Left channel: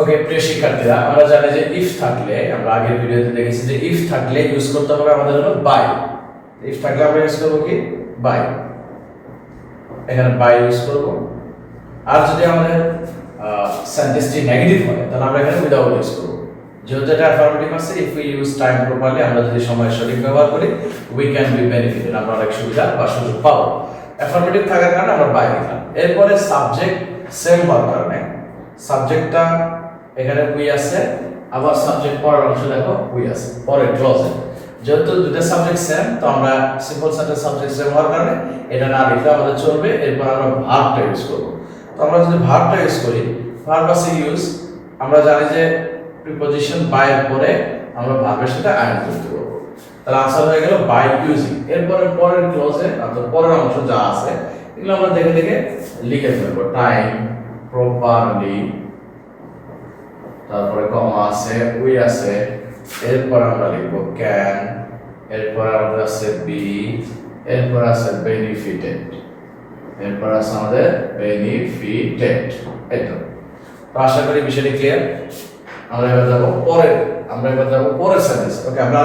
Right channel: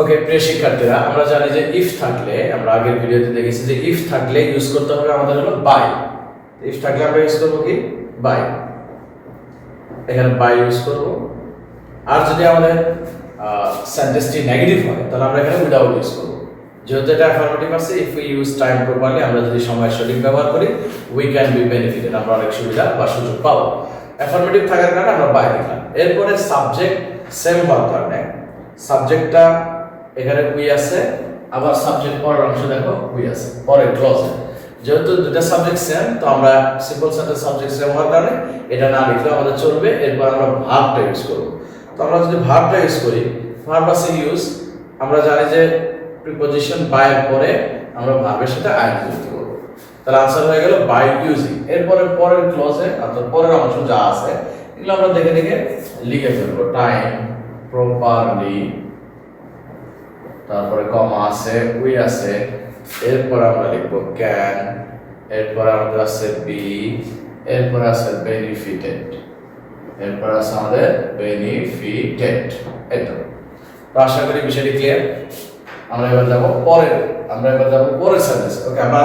ওকে প্রিয় শিক্ষার্থীরা, আমরা জানি যে ইফ থাকলে, আমরা আগের ভিডিওতে দেখেছি যে ইফ থাকলে ইউজ করতে হবে আমাদের হলো বাই। ইফ থাকলে আমরা ইউজ করব কি বাই, এখানে বাই ইউজ করব। আর যদি আমাদের সেন্টেন্সটি নেগেটিভ হয় তাহলে আমরা এখানে উইদাউট ইউজ করব। যেহেতু এটা অ্যাফার্মেটিভ আছে, if we use time properly, আমরা যদি সময় সঠিক ব্যবহার করি, উই ক্যান বি বেনিফিটেড, আমরা অনেক সুবিধা বা সুযোগ পাবো। অ্যাফার্মেটিভ থাকার কারণে আমরা বাই দিলাম। এরপরে সাবজেক্ট সেম হওয়ার কারণে সাবজেক্টটা এখানে উই আছে, আবার সাবজেক্ট পরের অংশ দেখো উই আছে পরের ক্লজে। যেহেতু দুটো সাবজেক্ট সেম, তো আমরা সিম্পল সেন্টেন্স সাবজেক্ট সেম হওয়ার কারণে এটা না লিখলে আমাদের চলবে। এরপর আমরা ভার্বটা ইউজ করব। তো আমরা যদি ভার্বটা ইউজ করি, ভার্ব আছে ইউজ, আমরা জানি যে প্রিপজিশন বাই এর পরে আমরা ভার্বের সাথে আইএনজি যুক্ত করব। তাহলে আনসার হয়ে গেল বাই ইউজিং। এরপরে পরের ক্লজে অর্থাৎ পরের অংশ যা আছে এগুলো আমরা দেখে দেখে লিখে ফেলবো। টাইম প্রপারলি, তারপরে কমা আছে, উই আছে, এরপর আমরা লিখব ক্যান, এরপর আমাদের আছে বি, এরপর আছে বেনিফিটেড, এরপর আছে আমাদের বেনিফিটেড। এতো তো আশা করি বিষয়টি ক্লিয়ার। আমরা এবার যাব পরের সেন্টেন্স। ওকে, আমরা